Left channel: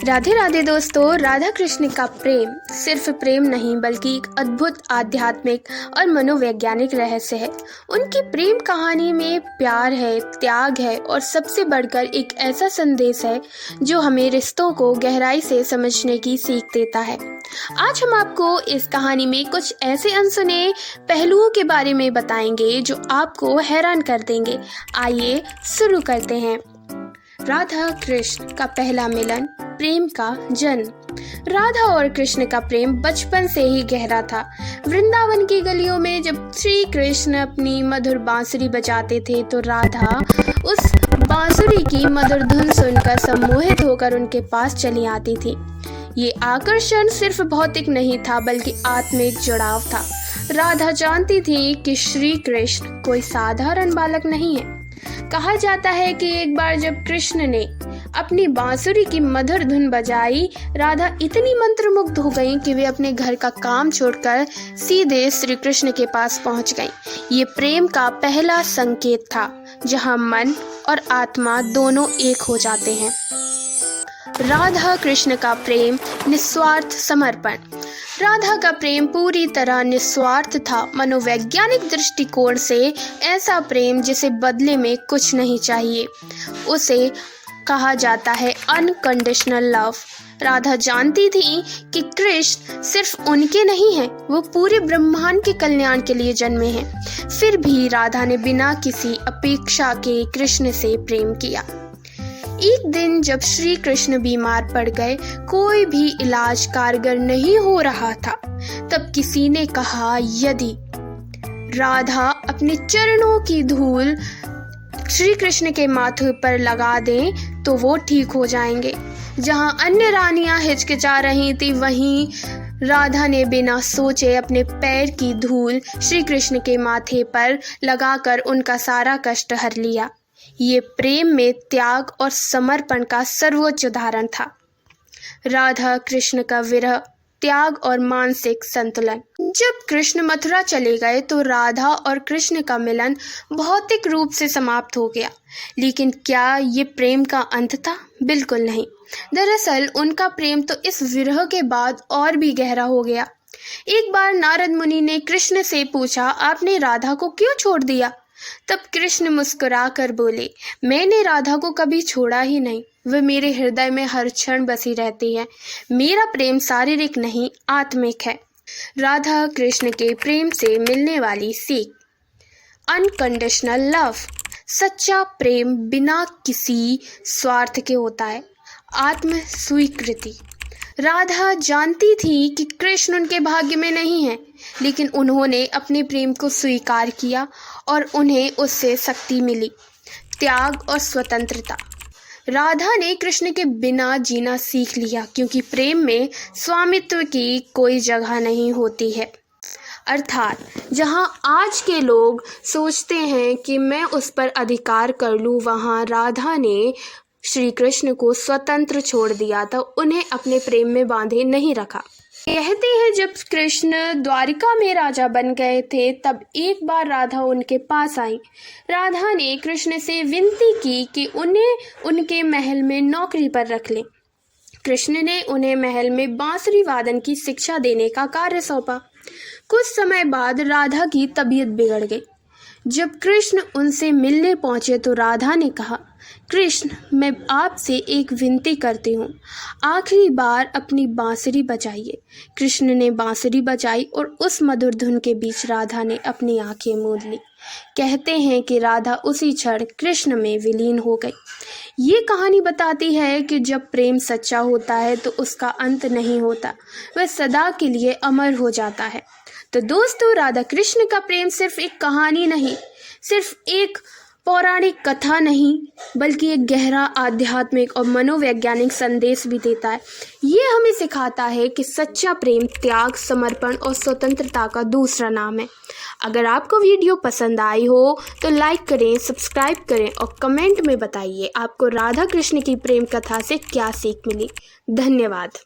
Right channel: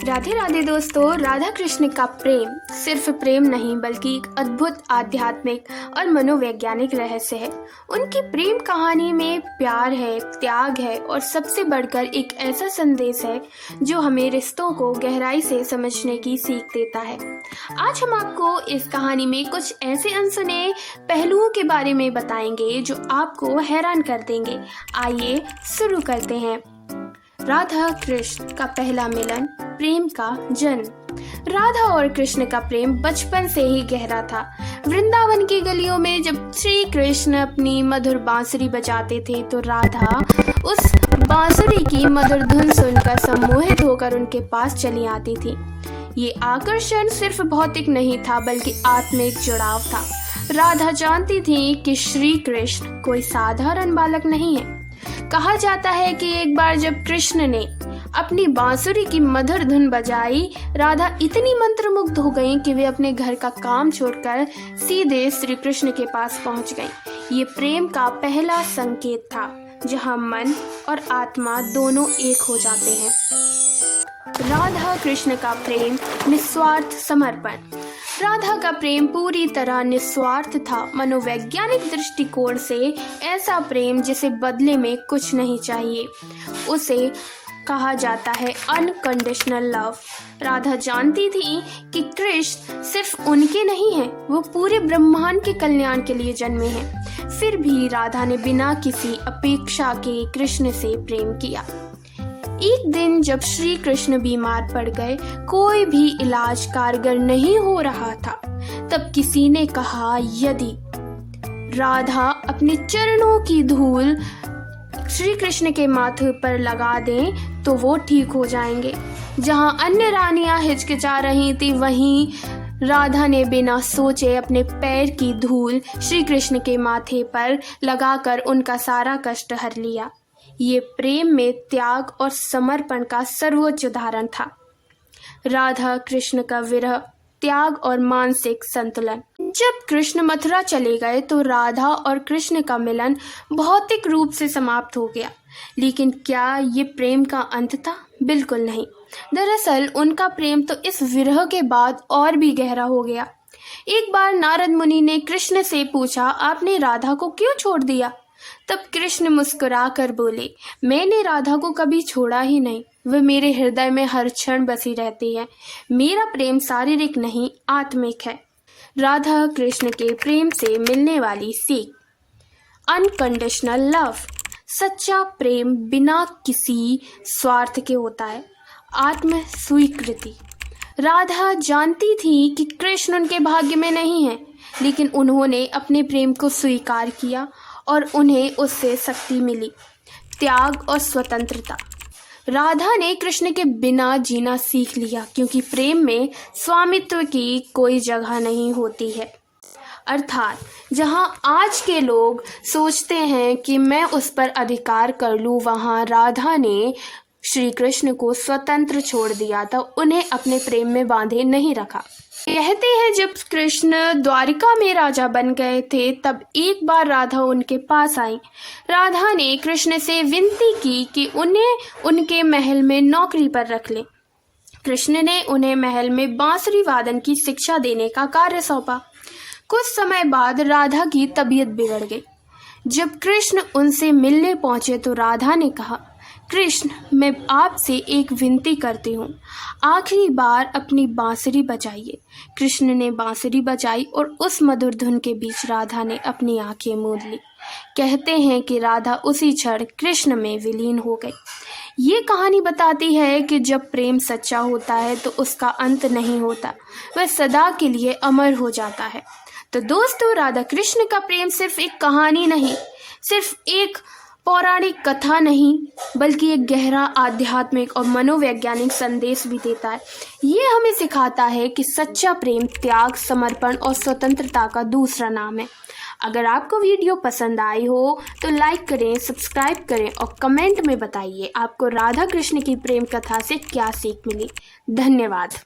राधे राधे दोस्तों। राधा कृष्ण का प्रेम सिर्फ प्रेम नहीं बल्कि एक अद्भुत आध्यात्मिक और मनोवैज्ञानिक रहस्य है। उनकी प्रेम कहानी में प्यार है, त्याग है और सबसे बढ़कर एक ऐसा संदेश है जो हमें रिश्तों को गहराई से समझने की सीख देता है। आज हम आपको इस कहानी में कुछ ऐसे अनसुने पहलुओं के बारे में बताएंगे जो आपको हैरान कर देंगे। आइए शुरू करते हैं। राधा कृष्ण का पहला मिलन, प्रेम का जन्म। राधा और कृष्ण का प्रेम बचपन से ही गहरा था। वृंदावन की गलियों में जब श्री कृष्ण अपनी मधुर बांसुरी बजाते थे तो राधा उस बांसुरी की मधुर धुन सुनकर सम्मोहित होकर उनके पास चली आती थी। ये आकर्षण सिर्फ भौतिक नहीं था बल्कि आत्मिक जुड़ाव था। राधा जानती थी कि श्री कृष्ण कोई साधारण बालक नहीं है। कहा जाता है कि एक बार जब कृष्ण ने अपनी बांसुरी की मधुर धुन बजाई, राधा इतनी मंत्रमुग्ध हो गईं कि वे अपने घर का काम छोड़कर सीधे श्री कृष्ण के पास पहुंच गईं। ये प्रेम का पहला संकेत था, जहां मन और आत्मा दोनों एक हो जाते हैं। राधा कृष्ण का प्रेम, निस्वार्थ समर्पण। राधा का प्रेम पूरी तरह निस्वार्थ था। मनोवैज्ञानिक दृष्टिकोण से ऐसा प्रेम जिसे बदले में कुछ नहीं चाहिए, उसे कहा जाता है अनकंडीशनल लव। राधा जानती थी कि कृष्ण सिर्फ उनके नहीं हैं, वो पूरे ब्रह्मांड के कल्याण के लिए जन्मे हैं। फिर भी राधा ने बिना किसी अपेक्षा के कृष्ण से प्रेम किया। एक दिन जब श्री कृष्ण बीमार पड़ गए, कोई भी इलाज कारगर नहीं हो रहा था, तब किसी ने कहा यदि राधा अपने चरणों की धूल श्री कृष्ण के माथे पर लगा दें तो वो ठीक हो जाएंगे। जहां अन्य रानियां हिचकिचा रही थी, वहीं राधा ने बिना सोचे अपने पैर की धूल श्री कृष्ण के माथे पर लगाकर उनका सारा कष्ट हर लिया। ये प्रेम में त्याग और समर्पण का सर्वोच्च उदाहरण था। राधा कृष्ण का विरह, त्याग और मानसिक संतुलन। जब कृष्ण मथुरा चले गए तो राधा और कृष्ण का मिलन भौतिक रूप से समाप्त हो गया। लेकिन क्या ये प्रेम का अंत था? बिल्कुल नहीं। दरअसल उनका प्रेम तो इस विरह के बाद और भी गहरा हो गया। एक बार नारद मुनि ने कृष्ण से पूछा, आपने राधा को क्यों छोड़ दिया? तब कृष्ण मुस्कुरा कर बोले, मैंने राधा को कभी छोड़ा ही नहीं, वह मेरे हृदय में हर क्षण बसी रहती है। मेरा प्रेम शारीरिक नहीं, आत्मिक है। राधा कृष्ण के प्रेम से मिलने वाली सीख, अनकंडीशनल लव। सच्चा प्रेम बिना किसी स्वार्थ के होता है। आत्म स्वीकृति। राधा जानती थी कि कृष्ण उनके भाग्य में नहीं है, लेकिन उन्होंने अपने प्रेम को स्वीकार किया और उन्हें उससे शक्ति मिली। त्याग और स्वतंत्रता। राधा ने कृष्ण के बिना जीना सीख लिया, क्योंकि प्रेम में स्वामित्व की कोई जगह नहीं होती है। अर्थात जहां आज के लोग सोचते हैं कि मैं उस पर अधिकार कर लूं, वहां राधा ने श्री कृष्ण को स्वतंत्र छोड़ दिया था, उन्हें अपने प्रेम में बांधे नहीं रखा। कहते हैं जब कृष्ण द्वारिका में राजा बन गए थे, तब एक बार राधा उनके पास आई। राधा ने कृष्ण से विनती की कि उन्हें उनके महल में नौकरी पर रख लें। कृष्ण ने उन्हें महल में बांसुरी वादन की शिक्षा देने का कार्य सौंपा। कुछ समय बाद राधा की तबीयत बिगड़ गई। जब कृष्ण उनसे मिलने पहुंचे तो राधा ने कहा, कृष्ण, मैं आपसे एक विनती करती हूँ, आखिरी बार अपनी बांसुरी बजाइए। कृष्ण ने बांसुरी बजाई और उस मधुर धुन के बीच राधा ने अपनी आंखें मूंद ली। कहते हैं कि राधा उसी क्षण कृष्ण में विलीन हो गई। ये कहानी बताती है कि जब प्रेम सच्चा होता है तो उसका अंत नहीं होता, वह सदा के लिए अमर हो जाता है। तो दोस्तों, राधा कृष्ण का प्रेम सिर्फ एक कहानी नहीं, सिर्फ एक पौराणिक कथा नहीं, बल्कि एक गहरा आध्यात्मिक और मनोवैज्ञानिक संदेश भी देता है। ये हमें सिखाता है कि सच्चा प्रेम त्याग, समर्पण और स्वतंत्रता का दूसरा नाम है। अगर आपको वीडियो पसंद आई हो तो लाइक करें, सब्सक्राइब करें और कमेंट में बताइए आपको राधा कृष्ण की प्रेम कथा से क्या सीख मिली। धन्यवाद।